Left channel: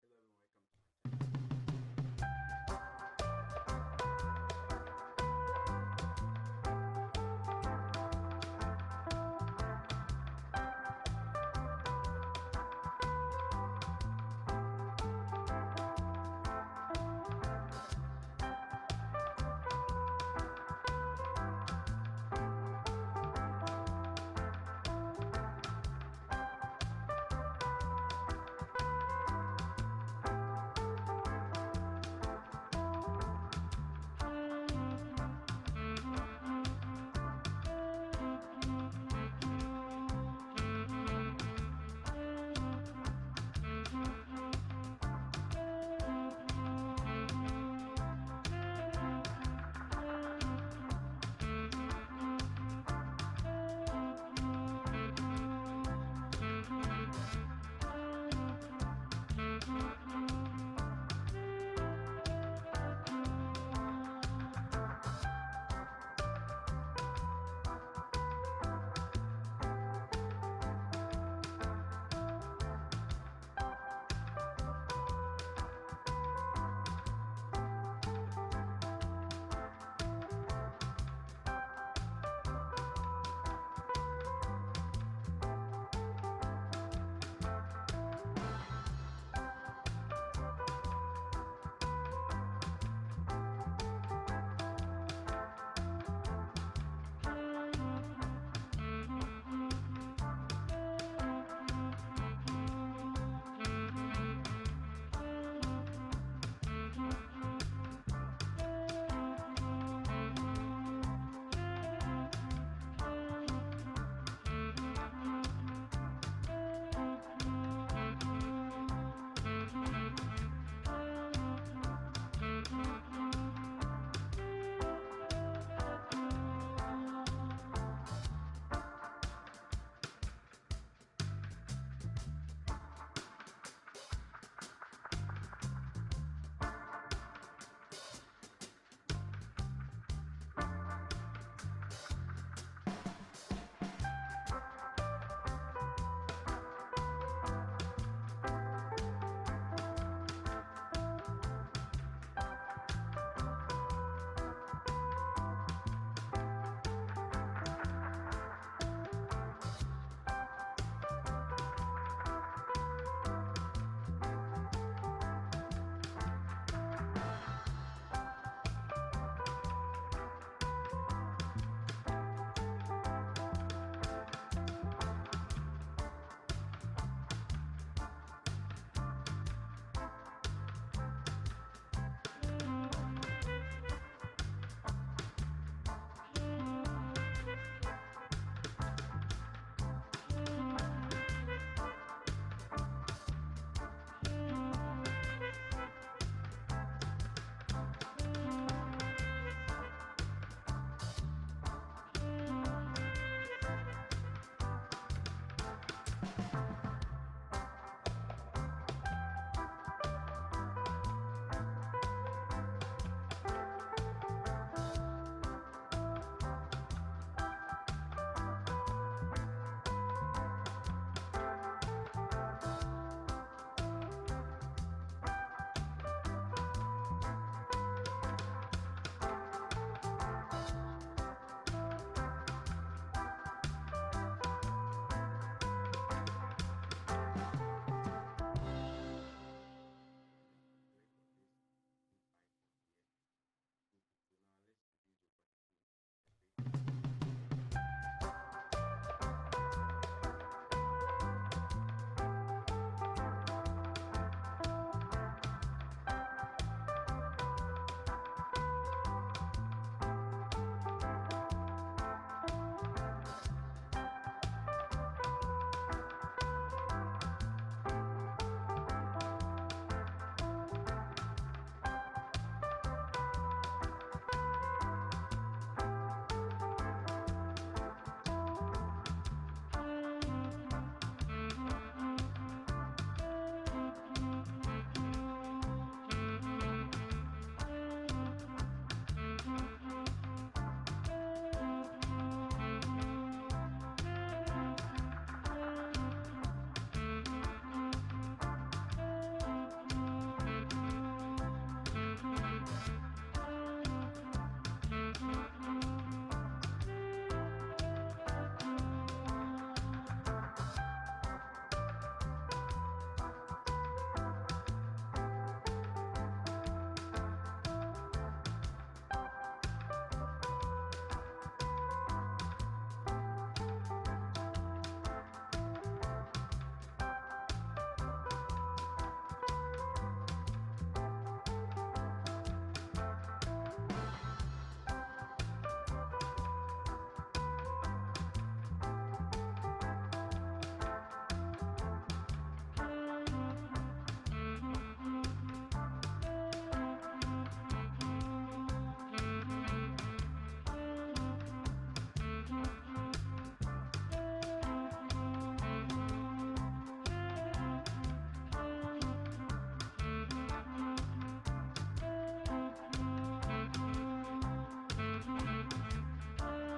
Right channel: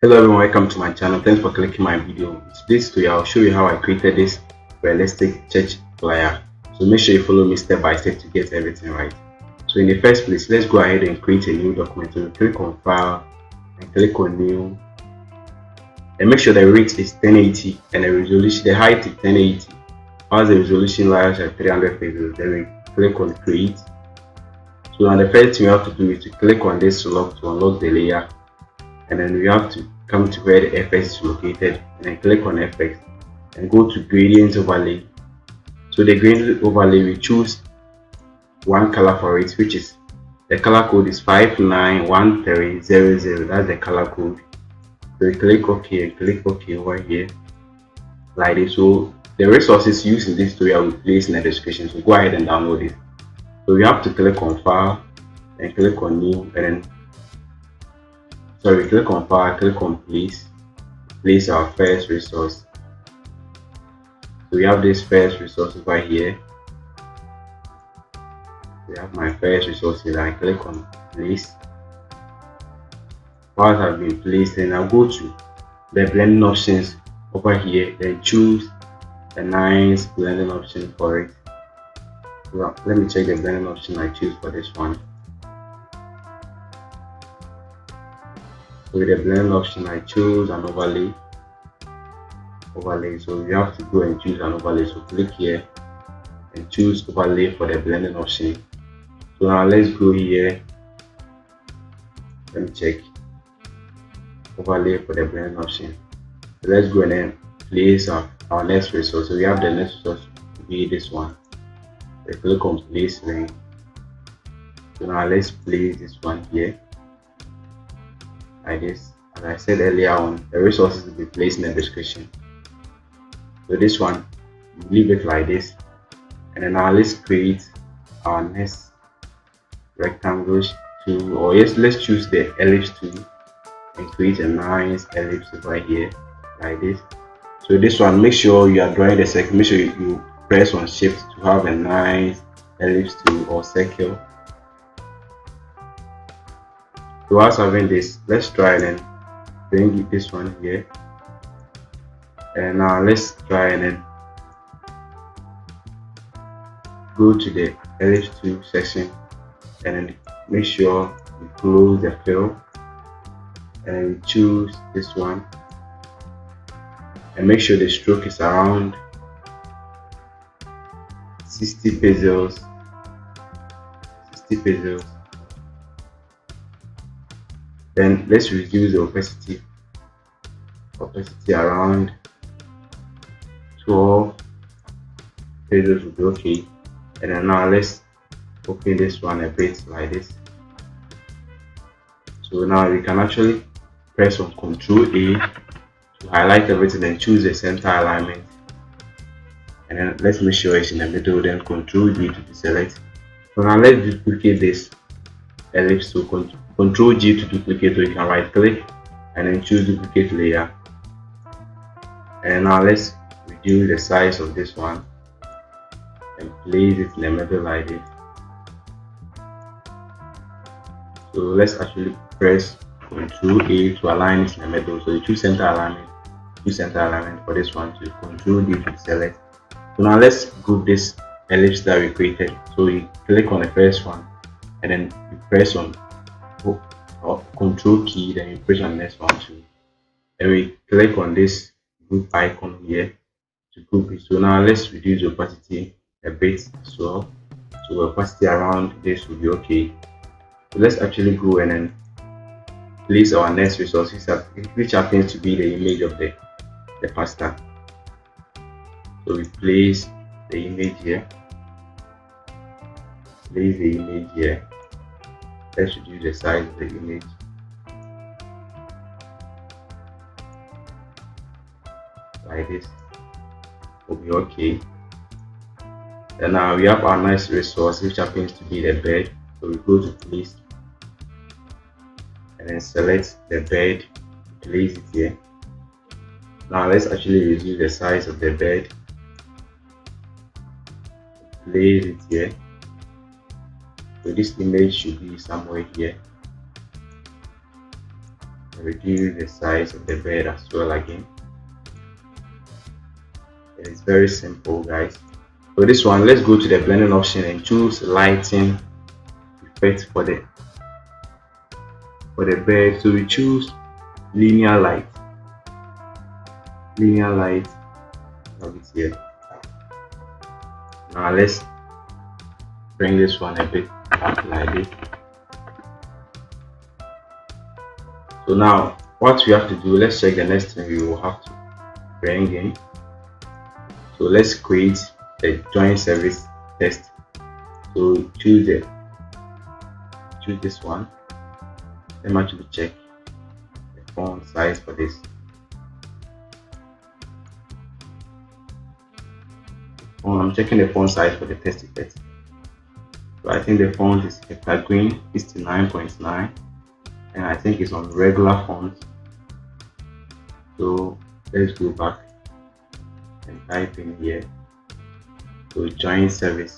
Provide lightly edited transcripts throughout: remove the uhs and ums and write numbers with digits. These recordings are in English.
Hello everyone, welcome to my channel. Thanks for clicking my video. In today's tutorial, I'll show you how I created this realistic church flyer. So make sure you follow me step by step to get everything right. So in the first place, let's go ahead and create a new document. So click on File and click on New, and make sure the rate is 1080 and the resolution, the height is 1080. As the resolution lies at 300 pixels, then we click on Create. So now the first thing you have to do is to click on this lock to unlock the layer, and then we have to come to where the FX is located and then click on FX and go to gradient overlay. So the gradient overlay, we choose one color for it, which is the color code is 591300. That's the color code. So we click OK and click OK over here like this. So the resources used in this tutorial will place in the description, so go ahead and download it. So we have to click on File and click on New, and then click on File, click on place our first resource. So we have this first resource over here. We have my first resource here. I click on place. Files have been placed, and I'll go to the blending options over here, then choose a nice blending option for it. Well, let me check the blending option I choose for this one. So with the blending option, I choose an overlay. So you have to go and choose an overlay. So click here and choose overlay for the blending option. So now let's go here. Let me check overlay for the blending option. So let's go and then place our next resource. So we have the next resource to be this one. So click on place link. So now let's place this one here like this. As I said earlier on, the resources will be placed in the description. So this one, leave it like this, and then now let's create our next rectangle tool, or yes, let's choose the ellipse tool and create a nice ellipse right here like this. So this one, make sure you are drawing the circle, make sure you press on shift to have a nice ellipse tool or circle. So whilst having this, let's try and bring this one here, and now let's try and then go to the ellipse tool section, and then make sure you close the fill, and choose this one, and make sure the stroke is around 60 pixels. Then let's reduce the opacity around 12 pixels will be okay. And then now let's open this one a bit like this. So now we can actually press on Ctrl A to highlight everything and choose the center alignment, and then let's make sure it's in the middle, then Ctrl G to deselect. So now let's duplicate this ellipse. So Ctrl G to duplicate, so you can right click and then choose duplicate layer, and now let's reduce the size of this one and place it in the middle like this. So let's actually press Ctrl A to align it in the middle. So you choose center alignment, for this one to Ctrl D to select. So now let's group this ellipse that we created. So you click on the first one, and then you press on Ctrl key, then you press on the next one too. And we click on this group icon here to group it. So now let's reduce the opacity a bit as well. So the opacity around this will be okay. So let's actually go and then place our next resource, which happens to be the image of the pastor. So we place the image here. Let's reduce the size of the image like this. Will be okay. And now we have our next resource, which happens to be the bed. So we go to place and then select the bed, place it here. Now let's actually reduce the size of the bed, place it here. So this image should be somewhere here. reduce the size of the bed as well again. It's very simple, guys. So this one, let's go to the blending option and choose lighting effect for the bed. So we choose linear light. Have it here. Now let's bring this one a bit up like this. So now what we have to do, let's check the next thing we will have to bring in. So let's create a join service test. So choose this one. Let me actually check the font size for this. I'm checking the font size for the test effect. So I think the font is Hector Green 69.9, and I think it's on regular font. So let's go back and type in here. So join service.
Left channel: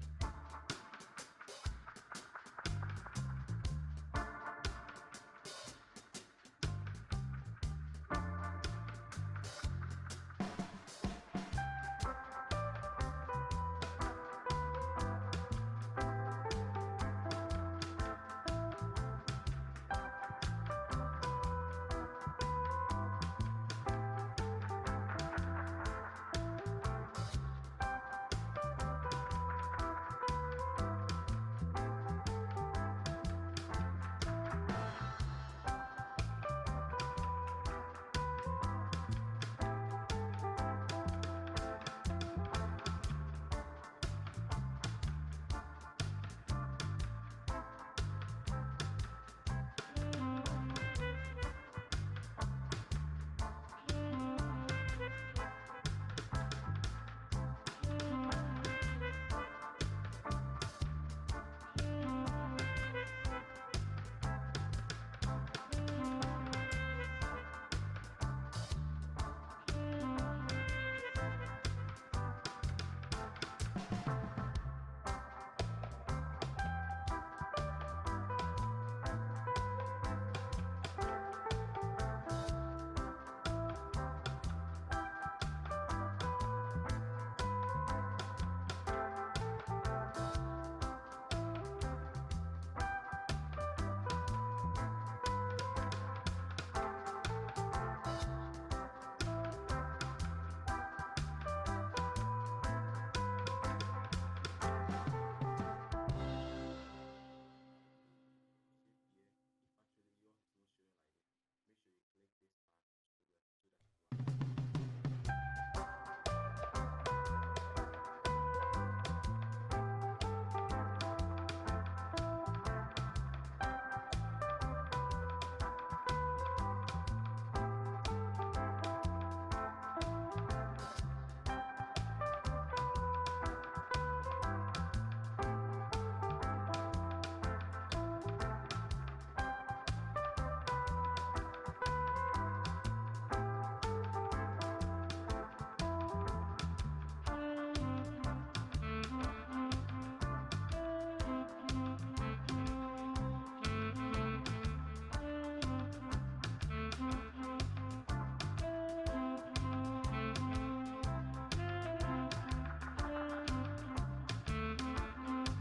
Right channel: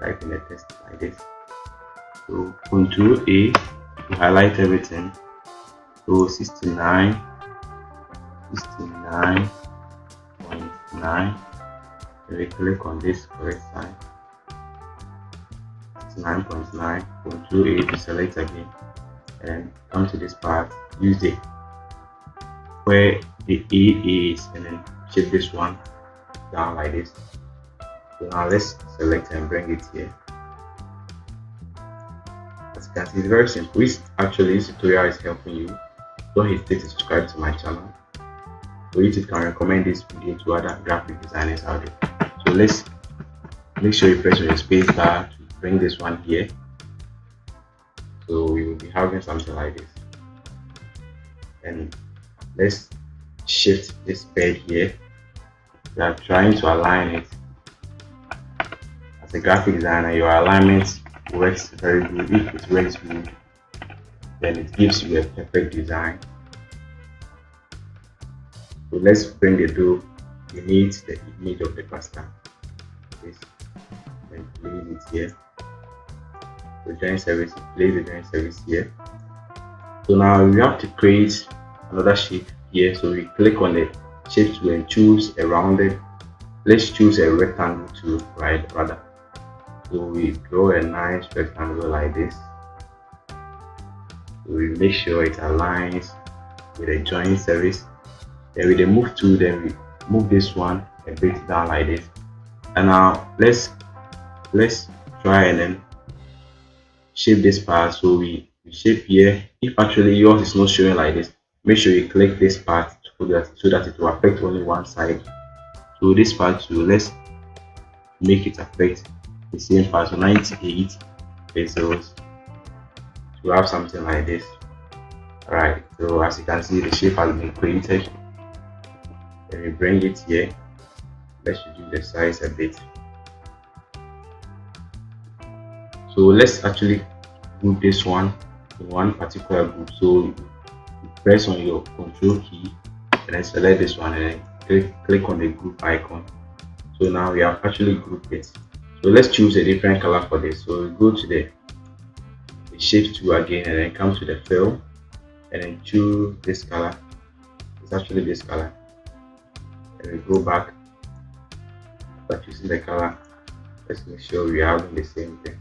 Type in the text like this. So Control A to highlight everything. So 69.9. We click on this correct side. 69.9. Control A to select again, and come to this part. Use it where the A is, and then shape this one down like this. So now let's select and bring it here. As you can see, it's very simple. Actually, this tutorial is helping you. Don't hesitate to subscribe to my channel so YouTube can recommend this video to other graphic designers out there. So let's make sure you press on your space bar to bring this one here. So we will be having something like this. And let's shift this bed here. We are trying to align it. As a graphic designer, your alignment works very good. If it works good, then it gives you a perfect design. So let's bring the door. We need the image of the pasta. Place it here. The join service, place the join service here. So now we have to create another shape here. So we click on the shape tool and choose a rounded. Let's choose a rectangle tool, right? Rather. So we draw a nice rectangle like this. So we make sure it aligns with the join service. Then with the move tool, then we move this one a bit down like this. And now let's try and then shape this part. So we shape here. If actually yours is not showing like this, make sure you click this part so that it will affect only one side. So this part too, let's make it affect the same part. So 98 pixels to have something like this. Alright, so as you can see, the shape has been created. Then we bring it here. Let's reduce the size a bit. So let's actually group this one in one particular group. So you press on your control key and then select this one and then click on the group icon. So now we have actually grouped it. So let's choose a different color for this. So we go to the shape tool again and then come to the fill and then choose this color. It's actually this color. And we go back, start using the color. Let's make sure we are having the same thing.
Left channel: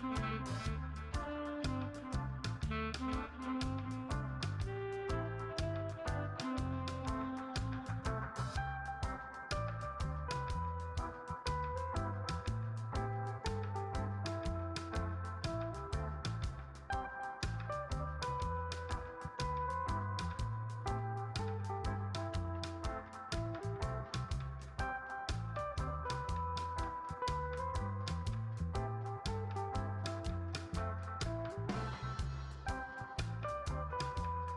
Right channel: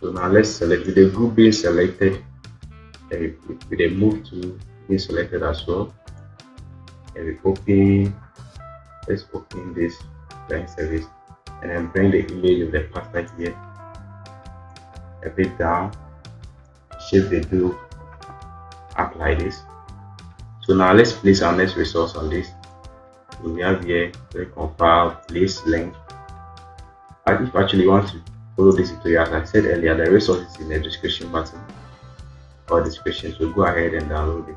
So now let's select with the group being selected and with the move tool being selected as well. And we open, let's open this join service and then bring the image of the pasta here a bit down, shape the glue up like this. So now let's place our next resource on this. So we have here, click on file, place link. And if actually you want to follow this tutorial, as I said earlier, the resource is in the description button or description, so go ahead and download it.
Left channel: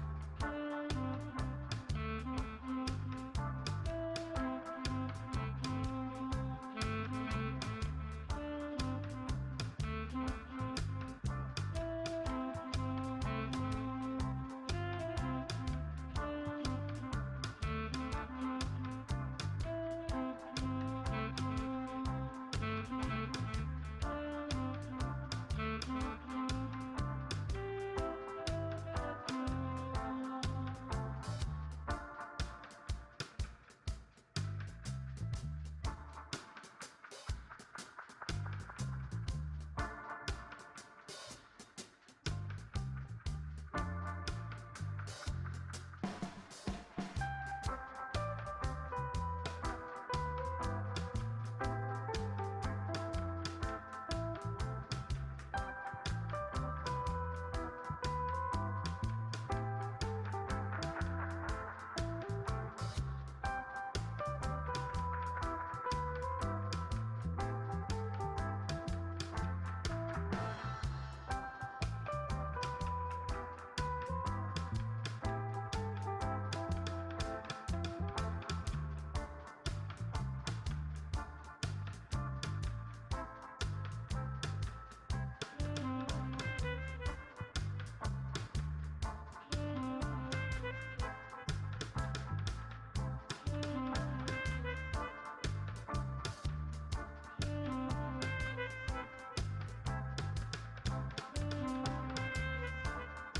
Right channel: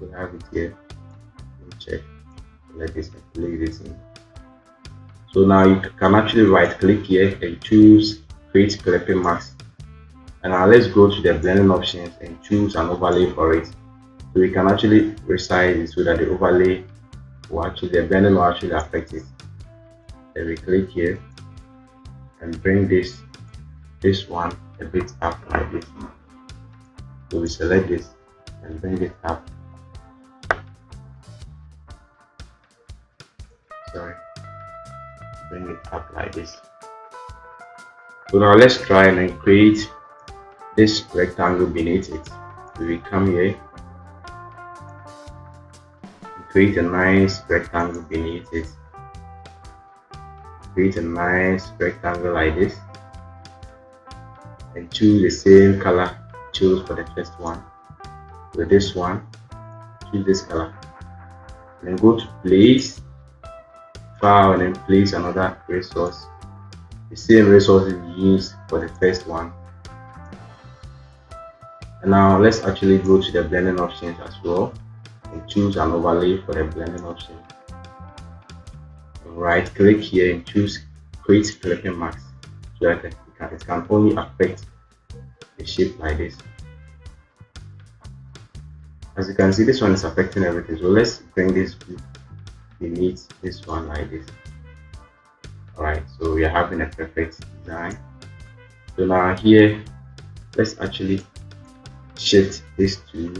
We have it here. Check, let this play this in. So now you can actually right click here and choose create clipping mask, And now let's go to the blending options and choose an overlay for it. So we can actually resize it so that the overlay will actually, the blending will actually affect it. Then we click here and bring this one a bit up like this. So we select this and bring it up. Sorry, bring it up like this. So now let's try and then create this rectangle beneath it. So we come here, create a nice rectangle beneath it. Create a nice rectangle like this and choose the same color choose for the first one. So this one, choose this color, and then go to place, file, and then place another resource, the same resources we used for the first one. And now let's actually go to the blending options as well and choose an overlay for the blending option. Right click here and choose create clipping mask so that it can only affect the shape like this. As you can see, this one is affecting everything, so let's bring this beneath this one like this. Alright, so we are having a perfect design. So now here, let's actually shift this to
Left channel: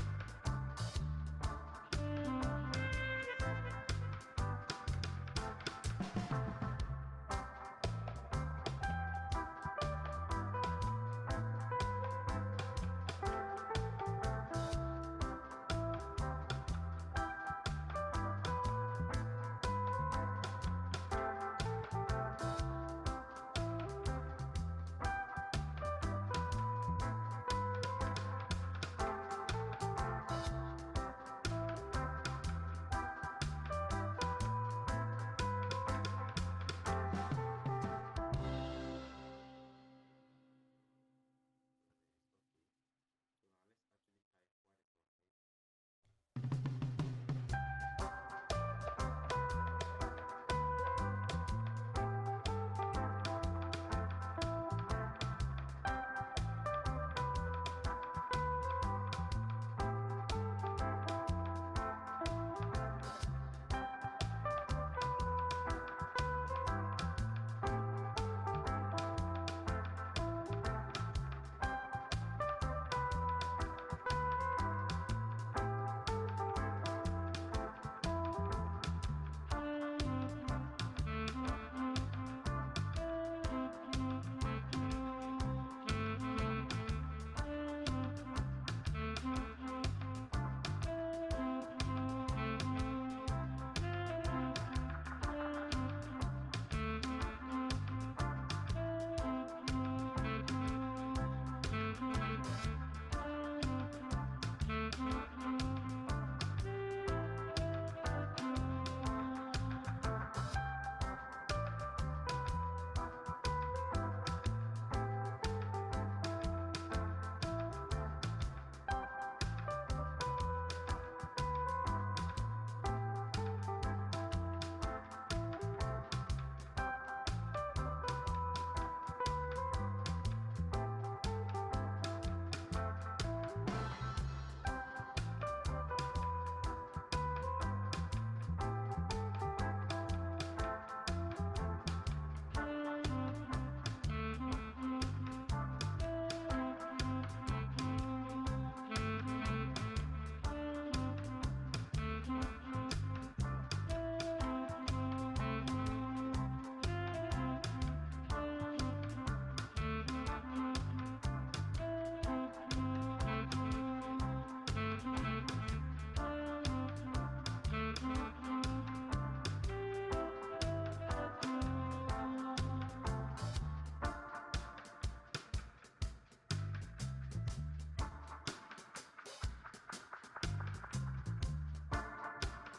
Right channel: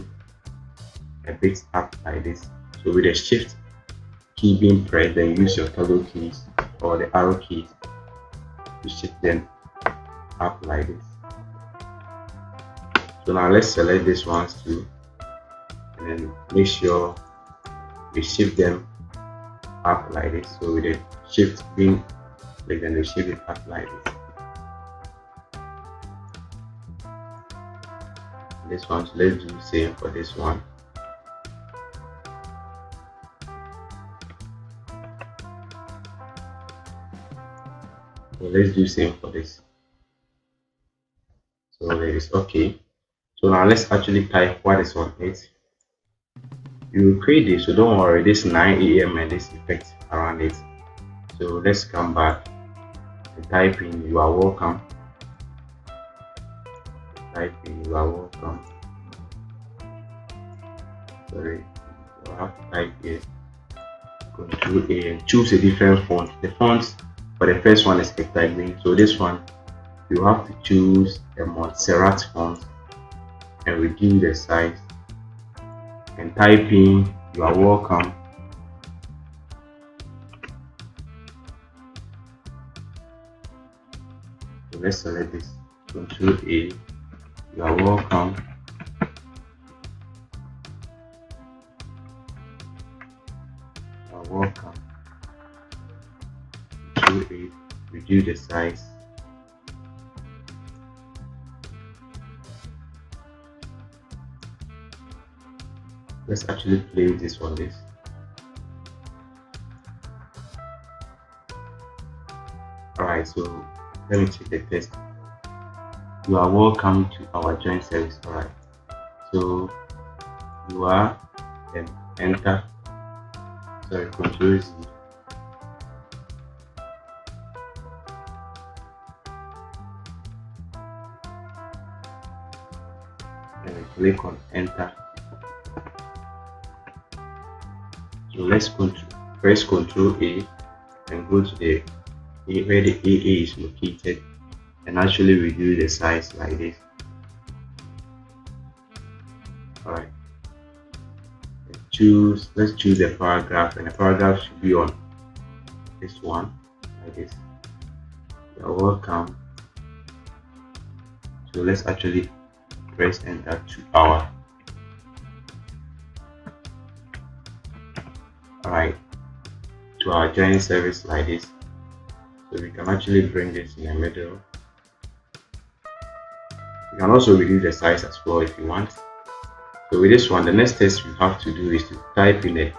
a bit up like this. So with the shift key being pressed, then use your toggle keys or the arrow keys to shift them up like this. So now let's select these ones too, and then make sure we shift them up like this. So with the shift being pressed, then we shift it up like this. This one, so let's do the same for this one. So let's do the same for this. So there is okay. So now let's actually type what is on it. You will create this, so don't worry, this 9 AM and this effect around it. So let's come back and type in "you are welcome." Type in "you are welcome." Sorry, I have to type here. Control A and choose a different font. The font for the first one is Hector Green, so this one you have to choose a Montserrat font and reduce the size and type in "you are welcome." So let's select this, Control A, "you are welcome." Welcome. Control A, reduce the size. Let's actually play this on this. Alright, so let me check the test. "You are welcome to our joint service." Alright, so you are, then enter. Sorry, Control Z. And click on enter. So let's press Control A and go to the where the AA is located and actually reduce the size like this. Alright. Let's choose the paragraph, and the paragraph should be on this one like this. "You are welcome." So let's actually press enter to power. Alright, to our joint service like this. So we can actually bring this in the middle. You can also reduce the size as well if you want. So with this one, the next test you have to do is to type in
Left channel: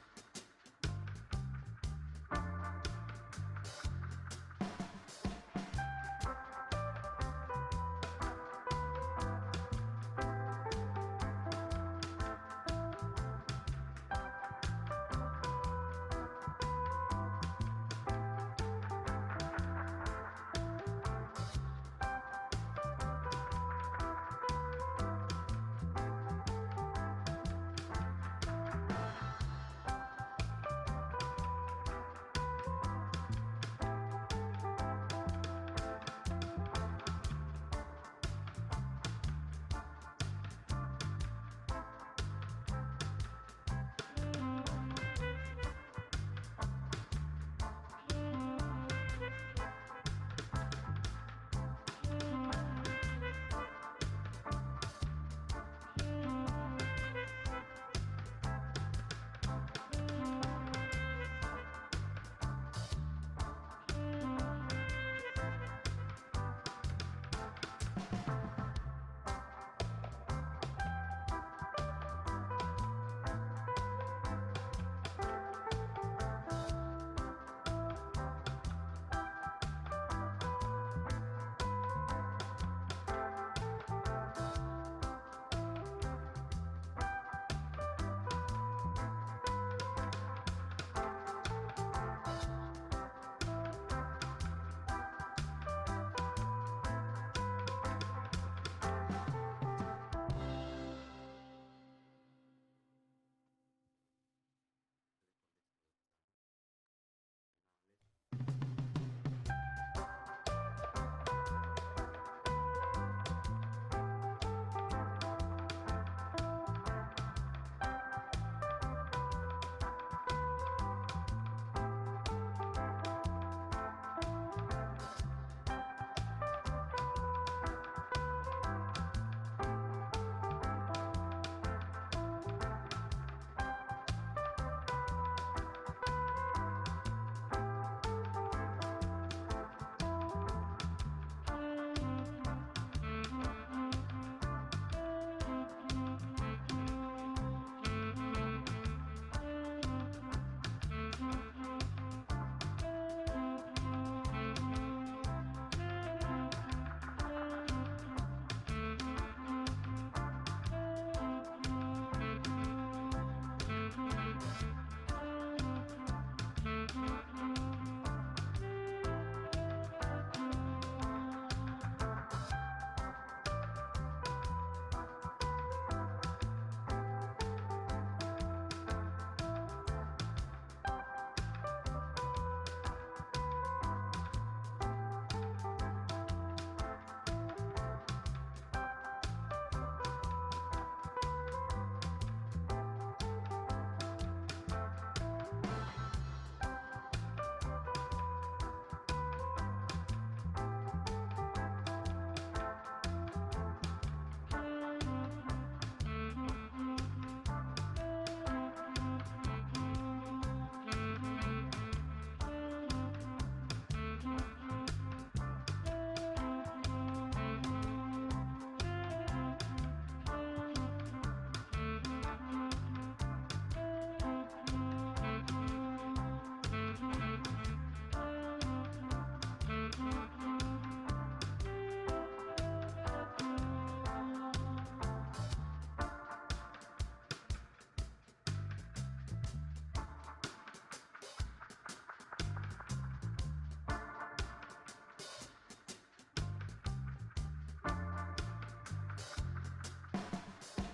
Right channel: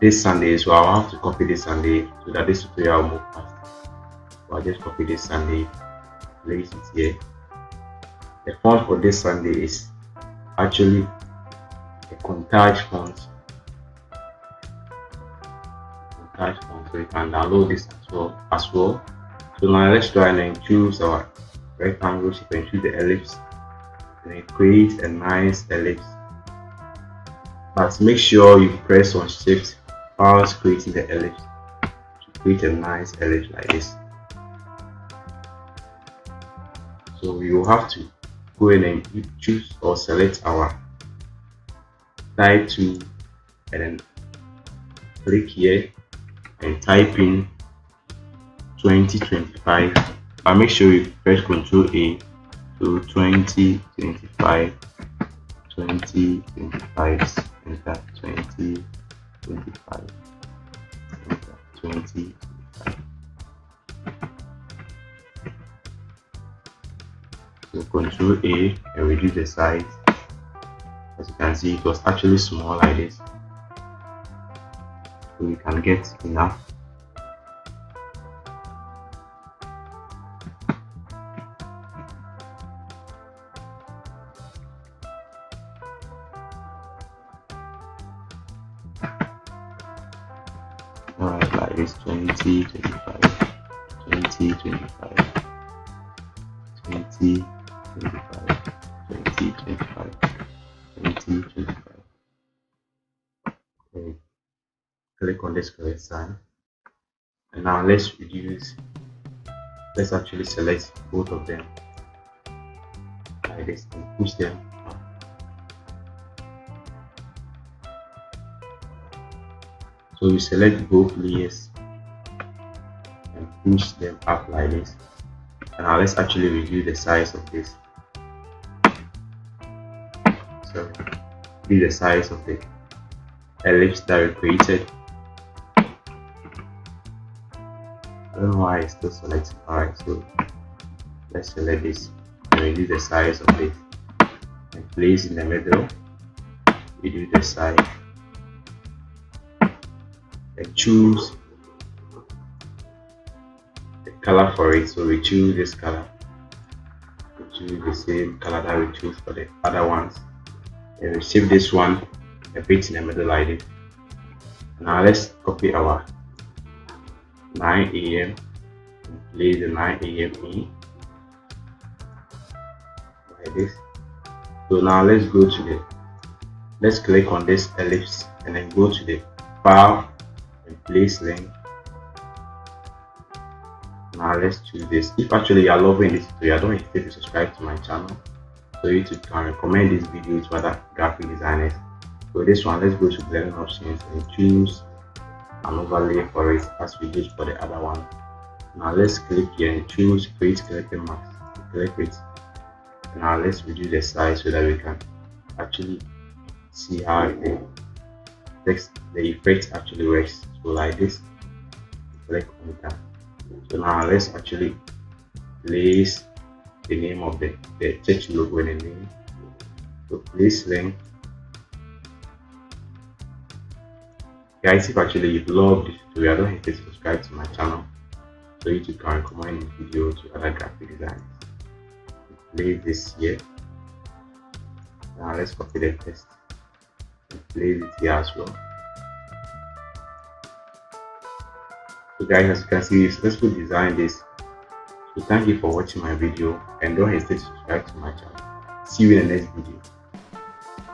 this Sunday. So I'll have to copy this Sunday so that this tutorial will move fast. So I'll just copy this Sunday, place it here. The font for this Sunday is actually a Contage font. So you can download this as well. So now let's try and choose our rectangles, you can choose the ellipse and then create a nice ellipse. But make sure you press on shift whilst creating the ellipse to create a nice ellipse like this. So we will have to go in and choose or select our type tool and then click here and type in 2025. And make sure you press Ctrl A to 2025, 2025, enter 2025, enter 20. So Ctrl A and reduce the size. As you can see, it was actually small like this, so we can get enough. Alright, like this 2025, 2025, 2025, 2025, 2025. Okay. Click on this correct sign, and now let's actually select both of them like this and push them. So you select both layers and push them up like this. And now let's actually reduce the size of this. So reduce the size of the ellipse that we created. I don't know why it's still selected. Alright, so let's select this and reduce the size of it and place in the middle. Reduce the size and choose the color for it. So we choose this color. We choose the same color that we choose for the other ones. And we save this one and put it in the middle like this. Now let's copy our 9 AM. Place the 9 AM in like this. So now let's click on this ellipse and then go to the file and place link. Now let's choose this. If actually you are loving this tutorial, don't hesitate to subscribe to my channel so YouTube can recommend this video to other graphic designers. So this one, let's go to blending options and choose an overlay for it as we did for the other one. Now let's click here and choose create skeleton mask. Click it. Now let's reduce the size so that we can actually see how the effect actually works. So like this, click on that. So now let's actually place the name of the church logo in the name. So place link. Guys, if actually you love this tutorial, don't hesitate to subscribe to my channel so YouTube can recommend this video to other graphic designers. Place this here. Now let's copy the text and place it here as well. So guys, as you can see, we successfully designed this. So thank you for watching my video and don't hesitate to subscribe to my channel. See you in the next video.